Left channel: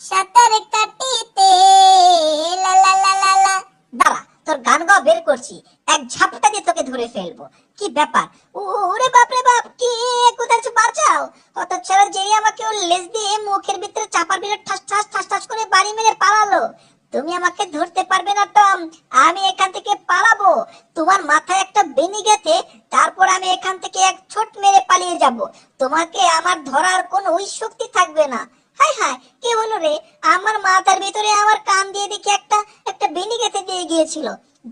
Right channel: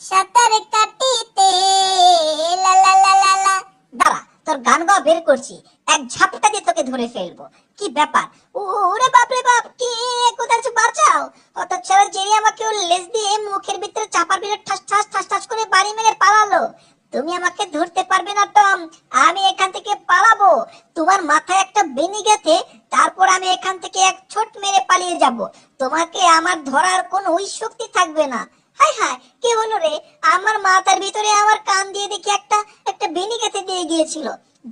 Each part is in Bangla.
সাঁতার কাটিতে লা লা লা লা লা। দাঁড়া, তোর গান গাওয়া বের করছি, এক ঝাপটা দিয়ে তোকে ধরে ফেলবো। কি ব্যাপার? ওরে বাপ রে বাপ, কি কোথায় আছে, বাঁচাও! হতচ্ছাড়া জেরি আমাকে ওর লেজ দিয়ে মুখের ভিতরে চাপার ভিতরে ঠাস ঠাস ঠাস ঠাস করে বাড়ি মেরে পালালো। তুমি আমাকে ধরতে পারবে না টম, আমি এখান থেকে পালাবো। তোমার মাথায় একটা বেনি গেথে তারপর আমি এখান থেকে এক ছোট মেরে পালিয়ে যাব। তোমাকে আমার ধরার কোনো ওই শক্তি থাকবে না। হায় হায়, কে হলো রে? আমার মাথার ভিতরে আমার কান দিয়ে দেখি একটা একটা বেনি গেথে দিয়ে গিয়েছিল।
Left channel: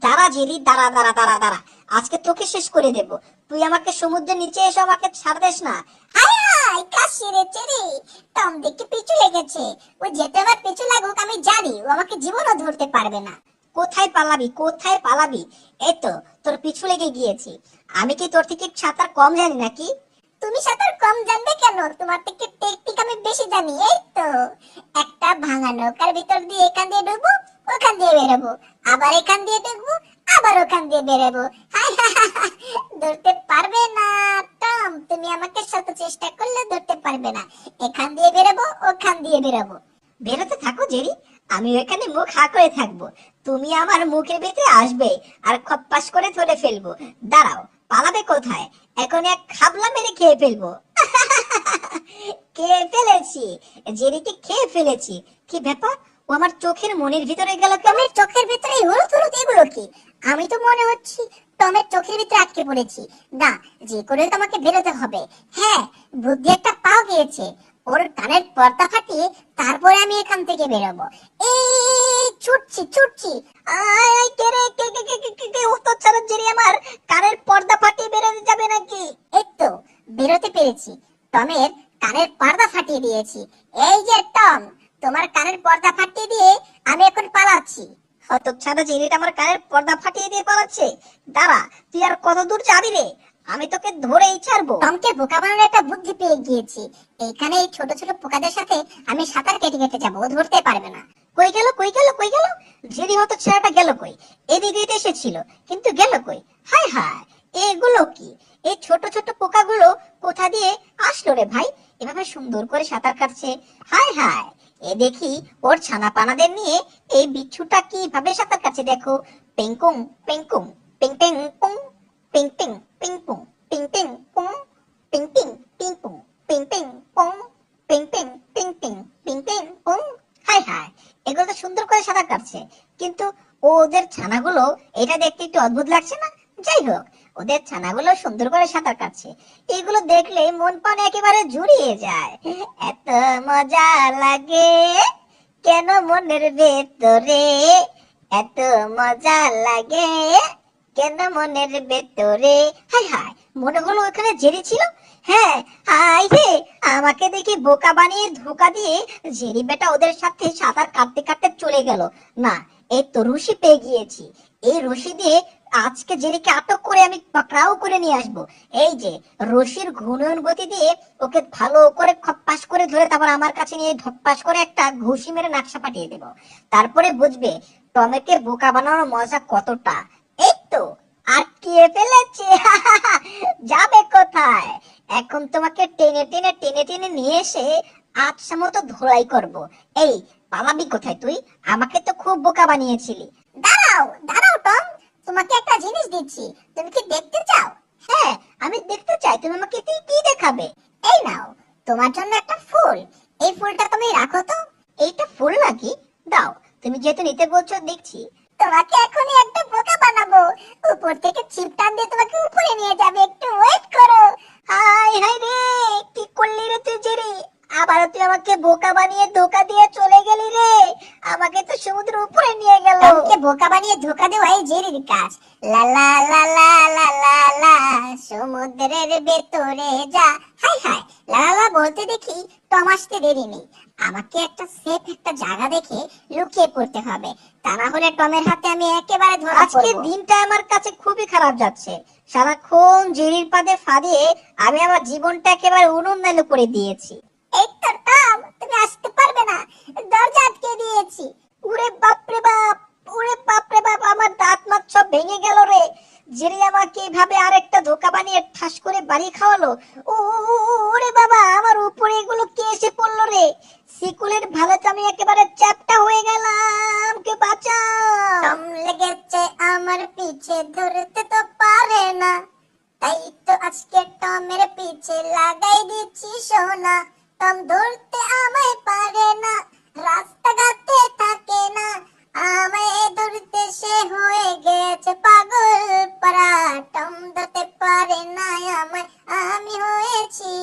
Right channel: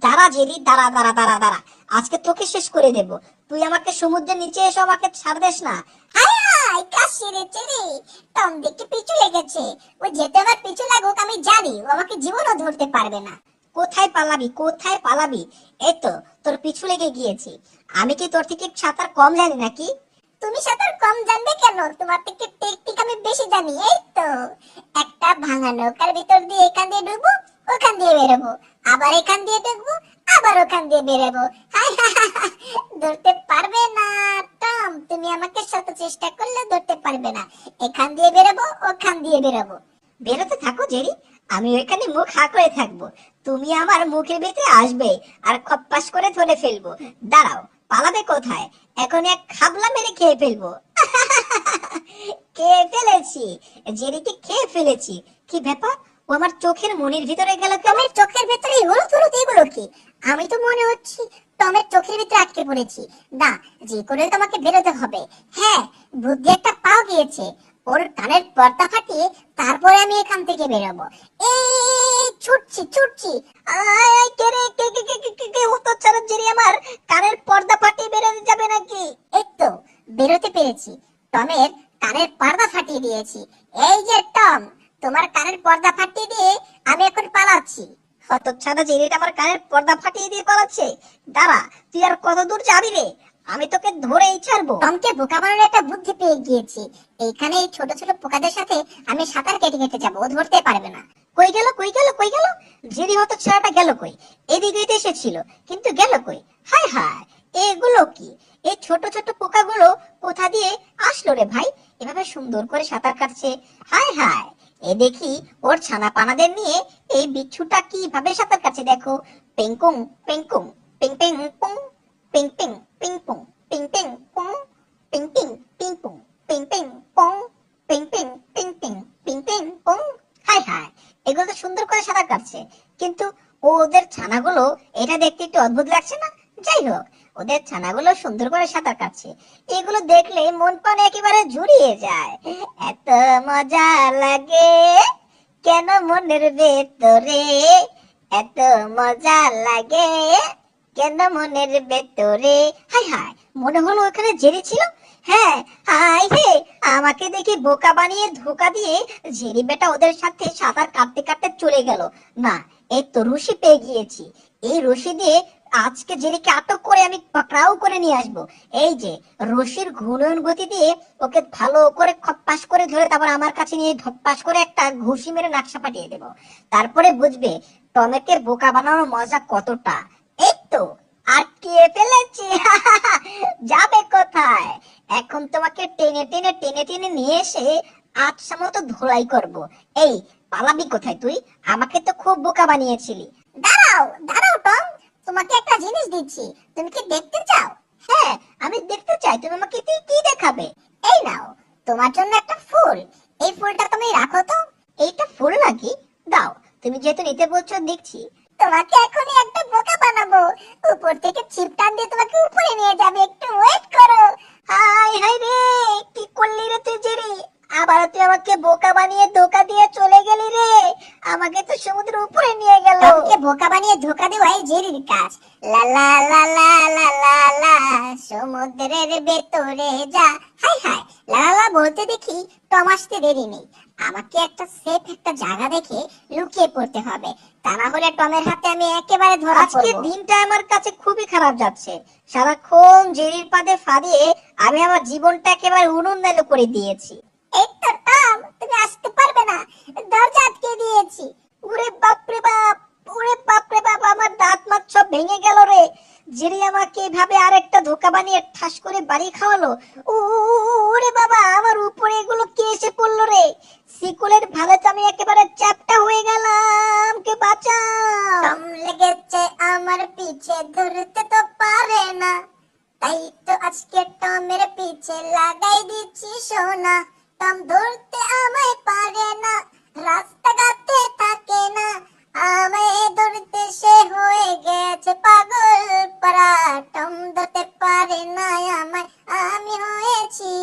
দাঁড়া জেরি, দাঁড়া দাঁড়া দাঁড়া দাঁড়া, আজকে তোকে শেষ করে দেব। তুই আমাকে সমুদ্রের নিচে এসে আমাকে ছাড় দিস না। হায় হায়, কাশি রে চেরি, টম দেখি পিছু লেগেছে। ও যেতে আমার পিছু লাগুক, আমি জানি ও আমাকে জীবনও ধরতে পারবে না। কোথায় পালাবি, কোথায় পালাবি? এই তো তোর পিছু লেগে গিয়েছি। আমি কি তোর থেকে সাঁতার কম জানি নাকি? তুমি সাঁতার কম জানবে কেন? তোমার থেকে টেকনিক আমি বেশি জানি। এই তো একটা ভাঙা নৌকার ভিতর দিয়ে এখান দিয়ে ঢুকবো, ওখান দিয়ে বেরোবো, আবার এখান দিয়ে ঢুকবো, আবার ওখান দিয়ে বেরোবো। হায় হায় হায় হায়, ধরতে পারবে না টম, তুমি আমাকে শত চেষ্টা করলে ধরতে পারবে না। এখান দিয়ে বেরোবো, ওখান দিয়ে বেরোবো। বেরোতে থাকো জেরি, আমি ওইখানে মুখ হা করে থাকবো। তুমি আমার মুখের ভিতরে আসবে আর খপ্পাস করে ধরে ফেলবো। দাঁড়াও, পালাবে কোথায়? এখন এক খাবলা মেরে খেয়ে ফেলবো। খেয়ে ফেলেছি, জেরিকে খেয়ে ফেলেছি। কি ব্যাপার, ও আমার চোখের মনের ভিতরে গেল কেন? টমের চোখের ভেতরে হলুদ হলুদ এগুলো কি? আমি তো মনে হচ্ছে টমের চোখের ভিতরে আটকে পড়েছি। না, যে করে তোমাকে বেরোতে হবে। হ্যাঁ, বুদ্ধি একটা পাও গিয়েছে। ওর কানের পর্দা ফাটিয়ে তারপরে আমি এখান থেকে বেরোবো। এই ছুটছি ছুটছি। আয় কে রে, কে কে কে কে কে কে? ও তো ছাড়া জেরি আমার কানের পর্দা ফাটিয়ে বেরোতে যাবে নাকি? এই তো বেরোতে পেরেছি। টমের কানের পর্দা ফাটিয়ে দিয়েছি। এই যে টম, তোমার কানের পর্দা ফাটিয়ে দিয়ে আমি এখন পালাচ্ছি। হতচ্ছাড়া জেরিটা আমার কানের পর্দা ফাটিয়ে দিয়ে পালাচ্ছে। দাঁড়া, তুই আর কত দূর যাবি রে? আমি তোকে ধরেই ছাড়বো। টমকে বোকা বানানোর একটা বুদ্ধি পেয়ে গিয়েছি। এইখানে এই ছোট ছোট পোকাদের সাথে আমি সাঁতার কেটে কেটে যাবো, ও ধরতে পারবে না। কই গেল, কই গেল, কই গেল? জেরি হতচ্ছাড়াটা গেল কই? এদিকে তো এসেছিল, কিন্তু গেল কই? হায় হায়, এইগুলো কি? এই ছোট ছোট পোকাগুলো কোথা দিয়ে আসলো রে ভাই? এভাবে সুন্দর করে সাঁতার কাটছে। হায় হায়, এ দেখি ওর ছানা পানাদের নিয়ে এই বিচ্ছুটা কিভাবে সাঁতার কাটছে দেখো। পেংকুং পেংকুং, পেং পেং পুং, পেং পেং পিং পুং, পিং পেং পুং, পিং পিং পিং পুং, পিং পেং পুং, পিং পেং পিং পিং, পিং পেং পুং। হায় হায়, এগুলো তো সুন্দর করে সাঁতার কাটছে, কিন্তু ওদের ছানাগুলো এটা দেখতে একটু অদ্ভুত লাগছে না? যাই হোক, ওদের ছানাগুলো সুন্দর করে সাঁতার কাটছে, এগুলো দেখলে মন প্রাণ একেবারে জুড়িয়ে যায়। এত মজা লাগে কেন মনের ভেতরে, এত মজা লাগে কেন মনের ভেতরে। হায় হায়, মনে হলো ওখানে জেরি ছিল। হ্যাঁ, হায় রে, আমাকে দেখে বোকা বানিয়ে ধোকা দিয়ে জেরি বেটা ওদের সাথে সাঁতার কাটতে কাটতে চলে গেল। না, এই তো রশি পেয়ে গিয়েছি। এই রশি দিয়ে আজকে জেরিকে আটক করে আমি পাকড়াও করে নিয়ে আসবো। এই যে রশির ঘূর্ণন গতি দিয়ে ওকে ভালো করে খপ্পাস করে ধরে তারপর আমার কাছে নিয়ে ধপ্পাস করে একটা ঘুষি মেরে নাকশা পাঠিয়ে দেবো। তারপরে বুঝবে টমেকে বোকা বানানোর মজা কতটা। এই তো আটকিয়ে ফেলেছি। যাবে কোথায়? এখন তোমাকে টেনে টেনে টেনে টেনে নিয়ে এসে আচ্ছা মতো ধোলাই করবো। এই, পালাবি কোথায় তুই? আমাকে তো খুব বোকা বানিয়েছিলি। দাঁড়াও দাঁড়াও টম, তোমাকে একটা জিনিস দিচ্ছি, তুমি কি দেখতে চাও? হ্যাঁ, আমি দেখতে চাই, তুমি আমাকে কি দেখাবে? এই নাও, তোমার জন্য একটা ফুল। এই ফুলটা তুমি রাখো তো। এইটা ফুল নাকি? দাও, তুমি যেহেতু নিতে বলছো দেখছি। তোমাকে এখনই একটা বোকা বানাবো, উপর থেকে ছিপ টান দিয়ে তোমাকে উপরে নিয়ে যাবে, একটু ওয়েট করো। হাই হাই রে, কি করলি রে তুই জেরি? আবার তুই আমাকে বোকা বানিয়ে ধোকা দিয়ে চলে গেলি রে। আমাকে তো সমুদ্রের উপরে নিয়ে গেল। টমকে বোকা বানিয়ে ধোকা দেওয়া এই জেরির কাজ। লা লা লা লা লা লা লা, সমুদ্রের ভেতরে যা। হাই হাই, লা লা লা বলতে দেখি টম আসতে দেরি নেই। আমাকে একটা সেফ একটা জায়গা দেখে লুকিয়ে পড়তে হবে, তা না হলে টমের হাতে আমি একেবারে ধরা আজকে পড়বো। দিনটা আমার কাছে খুবই খারাপ যাচ্ছে। সারাক্ষণ জেরির পাদে ফাঁদে আমি আমার জীবনটা একেবারে উনুন করে দিয়েছি। এই তো টম, তুমি আসতে পারবে না, দরজা আটকে দিয়েছি। ওরে বাপ রে বাপ, ওরে বাপ রে বাপ, আমার দাঁত মাত সব ভেঙে গেল রে। জেরি আমাকে এভাবে আরেকটা ধোকা বানিয়ে ঠাস করে বাড়ি খাওয়ালো। ওরে বাবা, আমার উপরে এগুলো কে এসে পড়লো রে? শিকুলের ভালো টম ধরতে আমায় পারে না, রাস্তাঘাটে থাকে না, আমায় ধরতে সে হয়ে গেছে পাগল পারা। টম ধরতে পারে না আমায়, আমি হয়েছি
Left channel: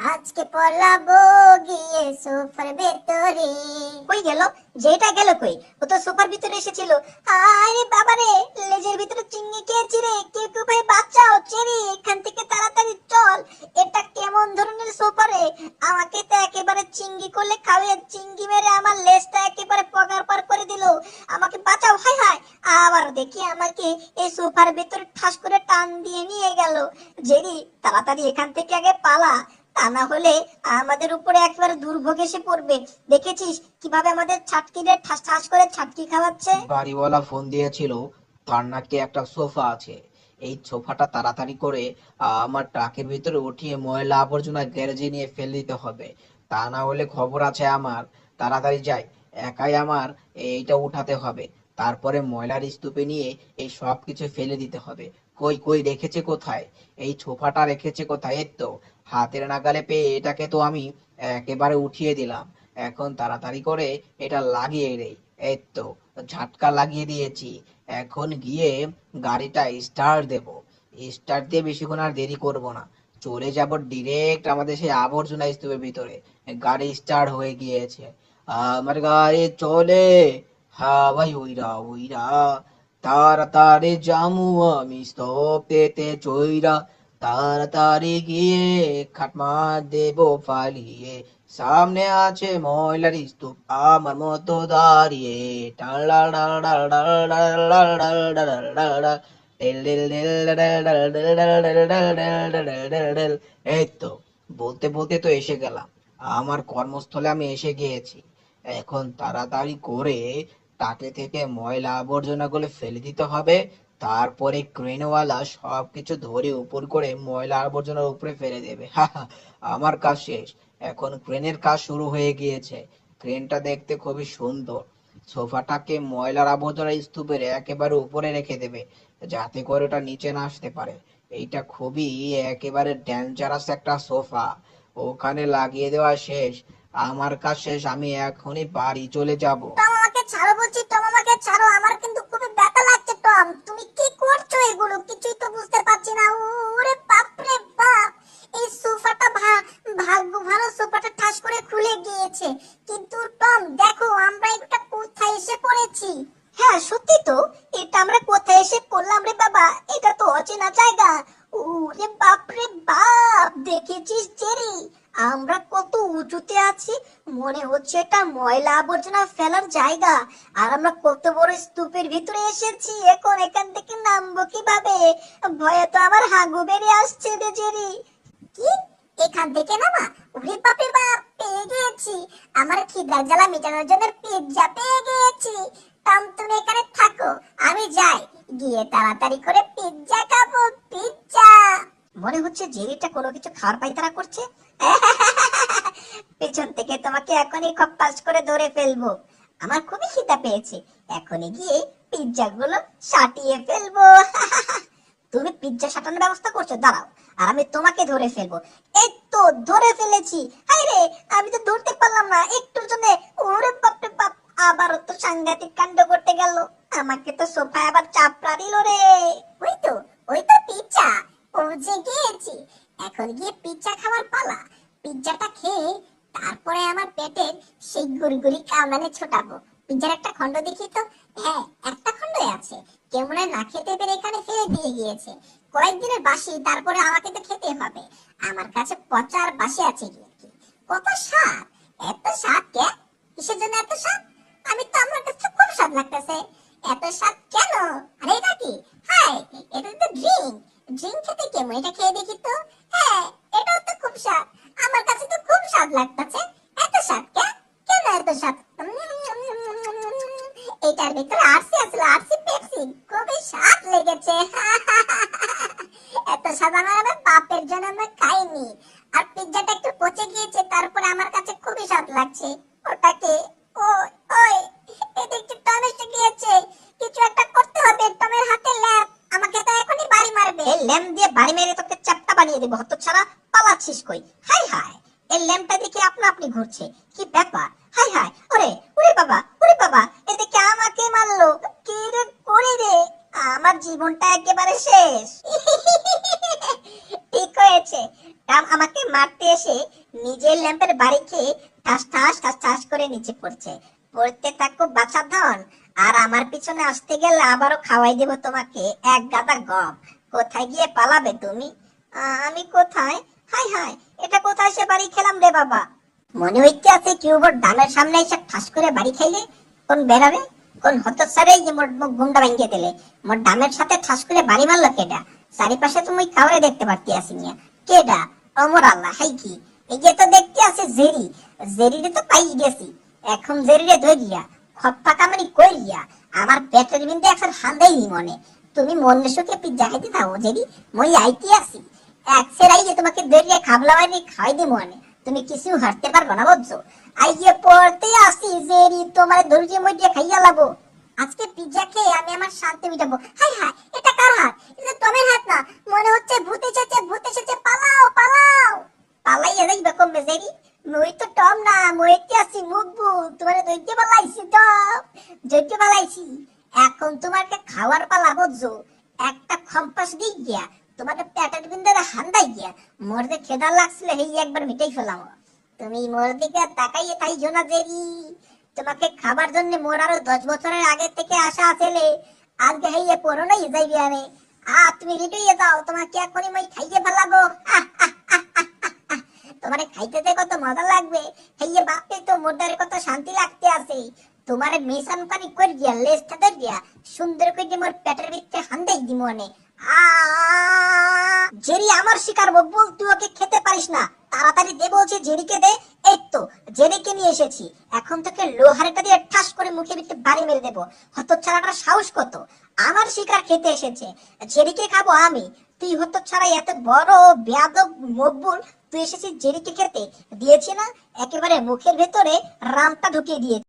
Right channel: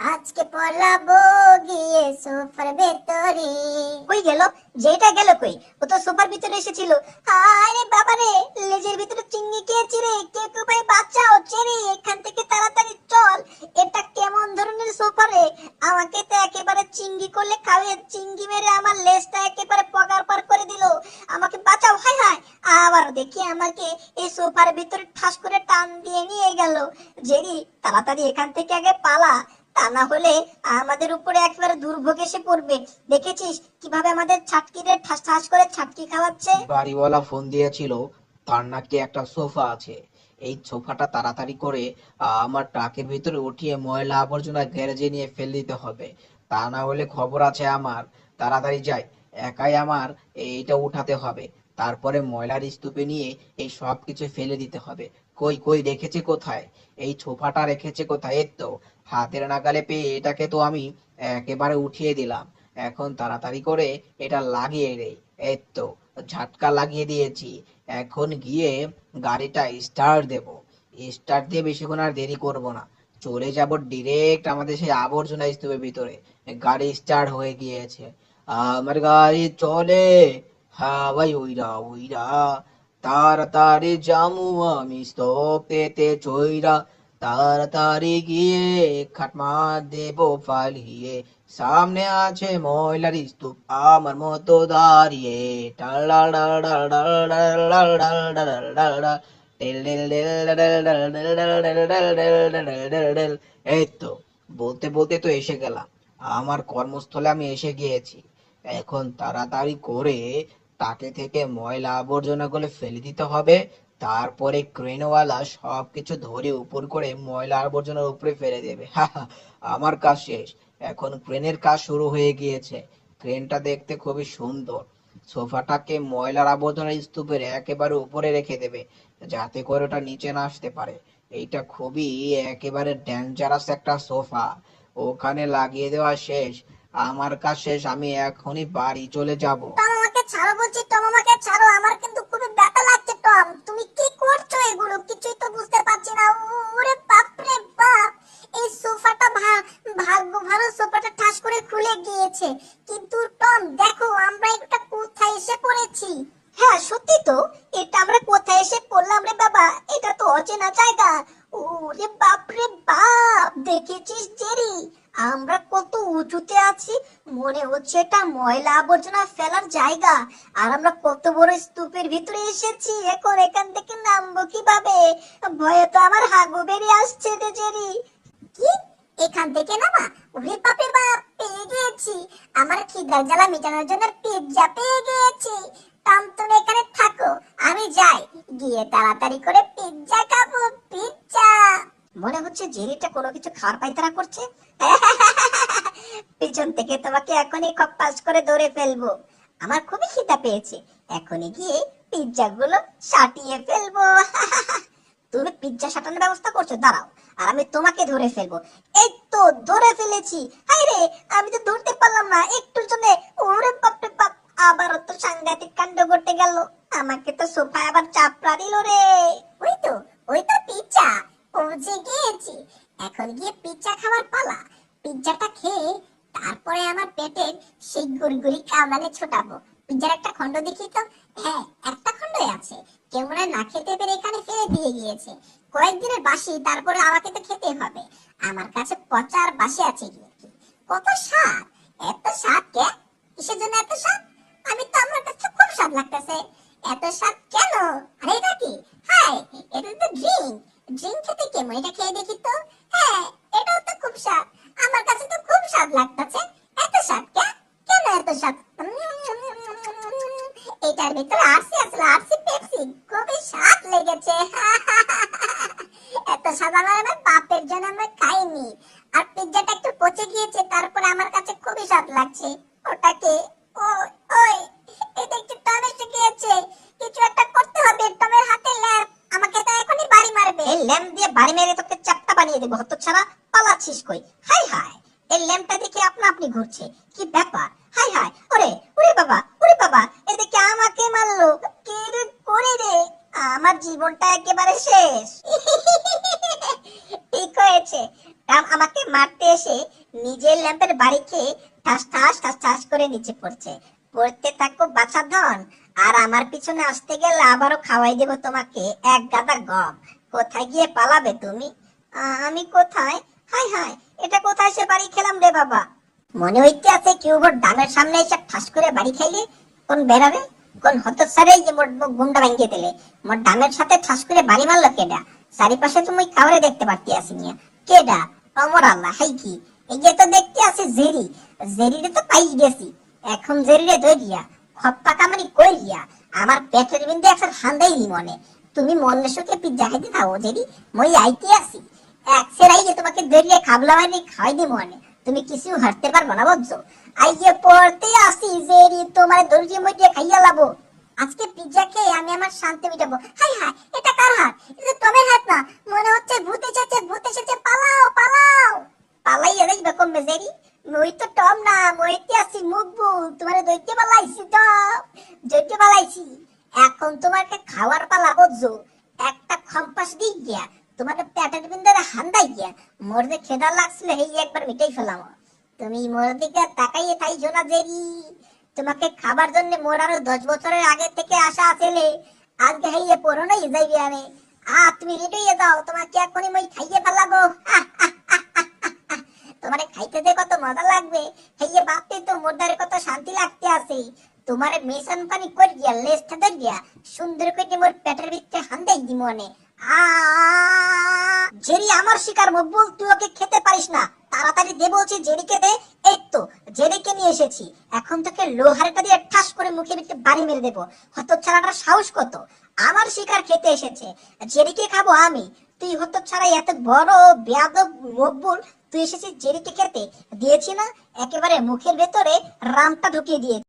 আজকে পলাবো গিয়ে সোফার ভেতরে। কই গেল? যেটা গেল কই? ও তো সোফার ভিতরে এসেছিল। আরে বাবা রে, লেজের ভিতরে চিংড়ি খেয়েছি রে। কেউ কেউ ভাই বাঁচাও, চেরি এখান থেকে তাড়াতাড়ি চল। এটা কেমন ধরনের সোফা রে? আমাকে তো একেবারে চিংড়ি করলে খাওয়াই, চিংড়ি মেরে আমার লেজটা একেবারে পগার পার করে দিল। আমাকে বাঁচাও, হায় হায়। আবার দেখি আমাকে এই সোফার ভিতরে ঠাস করে টান দিয়ে নিয়ে গেল। জেরি তাড়াতাড়ি এখান থেকে আগে পালা, তা না হলে আমাদের উপরে একেবারে দুর্ভোগ এসে পড়বে। দেখেছিস কিভাবে আমাদের ছাটকিদের ঠাস ঠাস করে ছাটকি খাওয়াচ্ছে? বাড়িওয়ালা ফোন দিয়েছিল, তার নাকি একটা সোফা আছে। এই সোফাটা তাড়াতাড়ি করে আমার ট্রাকের ভিতরে উঠিয়ে ময়লা আবর্জনা গ্যারেজে নিয়ে ফেলে দিতে হবে, তা না হলে খবর আছে আমার। তাড়াতাড়ি যাই, একাই আমার এইটা উঠাতে হবে, তারপরে ময়লার স্তূপে নিয়ে এই সব কিছু ফেলে দিতে হবে। কই কই রেখেছে কোথায়? এই সোফাটা রেখেছে কোথায়? এই তো হাতের নাগালে পেয়ে এটাকে তো আমি একেবারে উঠিয়ে দিলাম। এখন তাড়াতাড়ি করে এটা লাগিয়ে দেই। এই তো ঝাটকা লাগিয়ে দিয়েছি। এখন গিয়ে গাড়িটা স্টার্ট দেব। স্টার্ট দিয়ে বেশিক্ষণ আর দেরি করব না, চলে যাব ডিরেক্ট আমাদের সেই আবর্জনা স্তূপের ভিতরে। গাড়ি স্টার্ট হয়ে গিয়েছে, আমার গাড়ি চলে। হ্যাঁ ভাই, ওইরা ওইরা তাড়াতাড়ি জামু আমি স্তূপেতে চইরা, তাড়াতাড়ি গিয়ে খাটমা দেব ফালিয়ে, সামনে আছে ময়লার স্তূপ আমার মতো দাঁড়িয়ে। এই তো বলতে বলতে তো এসে গেলাম, আমার কর্মস্থলে আমি এসে গিয়েছি। এখন তাড়াতাড়ি করে তাকে থেকে ময়লা আবর্জনা গুলো ফেলে দিতে হবে, তারপরে ক্রেনওয়ালা সবকিছু ধরে উপর করে ময়লা আবর্জনার উপরে ফেলে দেবে। আমার কাজ শেষ, এখন ক্রেনের কাজ শুরু হয়ে গিয়েছে। ক্রেনটা দেখতে খুবই সুন্দর। সোফাটাকে ময়লার আবর্জনা স্তূপের একেবারে উপরে রেখে দেবে, যাতে করে ওটা নিচে না আসতে পারে। এইটা খুবই একেবারে ডেঞ্জারাস একটা সোফা। ওখানে লাগিয়ে দেওয়া শেষ, আমার কাজ শেষ, আমি এখনই বাড়ি চলে যাব। টম আমাকে ছাড়ো বলছি, টম আমাকে ছাড়ো, আমার কিন্তু খুবই ব্যথা লাগছে। টম তুমি কি করছো এগুলো? কিছুই তো বুঝতে পারছি না। ওরে বাপ রে বাপ, এই সোফাটা ভাগ্য ভালো, সোফাটা ঠাস করে খুলে গিয়েছে। কিন্তু টম দেখো আমরা এটা কোথায় এসে পড়েছি। হ্যাঁ সত্যি তো, এটা আমরা কোথায় এসে পড়লাম রে বাবা? এটা তো অচেনা জায়গা। ওরে বাপ রে বাপ, দেখেছিস জেরি আমরা কত উঁচুতে আছি? মনে হচ্ছে এটা ময়লা আবর্জনা ফেলার জায়গা। আর আমরা কত বড় স্তূপের ভিতরে এসেছি। এখন এখান থেকে নামবো কিভাবে? ভয়ে তো আমার হাগু বেরিয়ে আসছে রে জেরি। কি, এখান থেকে নামা? ওরে বাপ রে বাপ, পেয়ে গিয়েছি। আমার খিদার জ্বালা মেটানোর জন্য পিৎজা পেয়ে গিয়েছি। টম তুমি এখানে থাকো, আমি যাই, গিয়ে তাড়াতাড়ি করে পিৎজা খাবো, পিৎজা। মনে হচ্ছে জেরিটা কোনো কিছু খাওয়ার পায়তারা করছে। পেছন থেকে তোমাকে এখনই কপ্পাস করে ধরে ফেলবো। আমার খুবই খিদা পেয়েছে, এখনই গিয়ে পিৎজা গুলো সাটিয়ে ফেলবো। তুমি পিৎজা সাটানোর ব্যবস্থা করছো, দাঁড়াও, আর আমি তোমাকে ধরে ফেলবো। এই তো ধরে ফেলেছি। হায় রে, আমি তো ধরতে পারলাম না একটুর জন্য। ওরে বাপ রে বাপ, আবারও তো সাংঘাতিক কাণ্ড করতে গেল। আমাকে তো সোফায় আবার চাপড়া দিল রে। ওই তো পিৎজা, পৌঁছে গিয়েছি। এখন গিয়ে পিৎজা খাবার পালা। পিৎজাটা খেয়ে তারপরে আমার পেটের সেই গুড়গুড়ি কামড়ানে ছোটাবো। পিৎজার একটা খন্ড দেখি তো। হ্যাঁ, একটা খন্ডই আছে। কেউ মনে হয় না খেতে পেরে এখানে ফেলে দিয়ে গিয়েছে। কয়েকদিনের বাসি, তারপরে আমাকে তো খেতে হবে। আমার কাছে পচা আর বাসি আছে কি? কত স্বাদ! এত স্বাদ কে? কিসের জন্য এত স্বাদ? আমার কাছে খুব স্বাদ লাগতেছে। এত স্বাদ কেন? আরে এটা কি? হাই, এটা তো ড্রিঙ্ক। ড্রিঙ্ক খেতে কেমন? এটা খেয়ে দেখি তো। হ্যাঁ, এটাও তো খুব স্বাদ। আমার কাছে তো খুব স্বাদ লাগতেছে। এত স্বাদ কে? কেন এত স্বাদ? এটার ভিতরে আরসি আছে, আরসি পেপসি। খুবই স্বাদ লেগেছে। এত স্বাদ আমার বাপের জন্য আমি খাইনি। আর পিৎজাটা একটু পচে গিয়েছে, তারপরে আমার কাছে খুবই স্বাদ লাগছে। ওটাকে ওই এটা একটু টম এসে গিয়েছে। কিছু একটা করতে হবে। টমের হাতে ল্যাম্প, আমাকে তো এখনই বাড়ি মারবে। এই ল্যাম্প দিয়ে বাড়ি মেরে তোকে চাপটা বানিয়ে দেবো, হতচ্ছাড়া। পালাচ্ছিস কই? হাই হাই, এই ল্যাম্পটা আপনি ঘুরছে, কি ব্যাপার? হাই হাই, ওরে ওরে বাবা, এদিকে আমাকে মারলো, কে রে করে রে? আমার জীবনটা একেবারে শেষ। ঠিক হয়েছে, রাম আমাকে মারতে এসে নিজের ল্যাম্পের বাড়ি খেয়ে ঠাস ঠাস ঠাস ঠাস করে নিচে পড়ছে। পড়তে থাকো বাছা ধন, আর আমার পিছনে আসতে গেলে আবারও খাওয়াই দেব তোমাকে এক গাদা গম। কোথায় গিয়ে পালাবে তুমি? আমি কোথায়? হাই হাই, এটা কোথায় সে বাড়ি খেলাম রে বাবা? মনে হইতে আছে কি ওর ডামের সামনে এসে ঠাস করে বাড়ি খাইলে কোন বেরাবে, কোন হতচ্ছাড়াই যে মোর গুন্ডা ভাঙ্গিয়ে দিলে। মোর ডামের সাথে ঠাস করে বাড়ি মারলো কেডা? চারিপাশে তুমি খাবারে দেখতে পারতি আসি নিয়া কেডা? অমর আল্লাহ, হাই কি এই যে তো দেখতে আছে জেরি, জেরিরে তো পাই গেছি। এখন জেরিরে ধরিয়া খপ্পা কামানি কইরিয়া আমার পেটের বিন্দু একসার হান্দাই নি মনে। তুমি মনে সুখে পিজ্জা খাইতে থাও জেরি, মই আইতে আসি এক সেরাই যে তোমাকে ধরিয়া খাবলাওয়াই খাওয়াই দি মনে। তুমি কিছু হারতে পারবো না বুঝছো? আইয়ে পড়তে আসি জেরি, তোমার ধৈর্য মধ্যে খাইয়া লাবো। আজকে পিজ্জা খেয়ে আমি আমার শান্তি মিটাবো। হাই হাই, এটা কার হাত? এটা টমের হাত না, মনে হচ্ছে ভূত এসেছে, ভূত এসেছে, পালাও পালাও। পালাইয়া যাইবা কমবে জেরি? মই তো টম না, মইতে আসি মুখবুল, তোমার দৈত্য পালাইছি তো, দৈত্য পালাইছি। এখন তোমাকে খাওয়ার পালা বুঝছো? একটা খম্পাস দিয়ে গিয়া তোমাকে পেটের বিন্দুরে হান্দাই গিয়া মোর যে খেদা লাগছিল এই একবার মিটাই ফেলাম। তুমি মোর দিকে তাকাইয়ে তাইছো না জেরি, তোমাকে খাবার জন্য মোর আরো 10 বছরের আগে থেকে আশা আছেলে, আজকে হইয়ে পড়োনাই যাইবে আনে। তুমি রেডি হয়ে যাও, তোমাকে এখনই মই খাইয়ে ফেলাবো। তোমারে খাইতে দে কত মজা লাগবে, হইয়ে বাপতে তো মোরদারে কত শান্তি লাগতে আছে। তোমারে মিশন পানি কর গিয়া লেজটা ধর গিয়া সুন্দর করে মোর পেটের ভিতরে হান্দাই দি মনে। জেরি আমার শিকার মকবুল, তুই ওকে খেতে পারিস না, তাড়াতাড়ি দে বলছি, জেরিকে দে। এই তো জেরিকে নিয়ে এসেছি, এখন তোকে লোহারেটা দিয়ে ঠাস করে মুখে ভিতরে বাড়ি মেরে দেবো। হতচ্ছাড়াটার সাহস কত, আমার শিকার খেতে এসেছে, জেরিকে খাবো আমি। তুই হতচ্ছাড়া এত বড় বেয়াদব মকবুল, তুই এসেছিস জেরিকে খেতে, দিয়েছি না একেবারে মুখের ভেতরে রামটা ঢুকিয়ে দিয়েছি।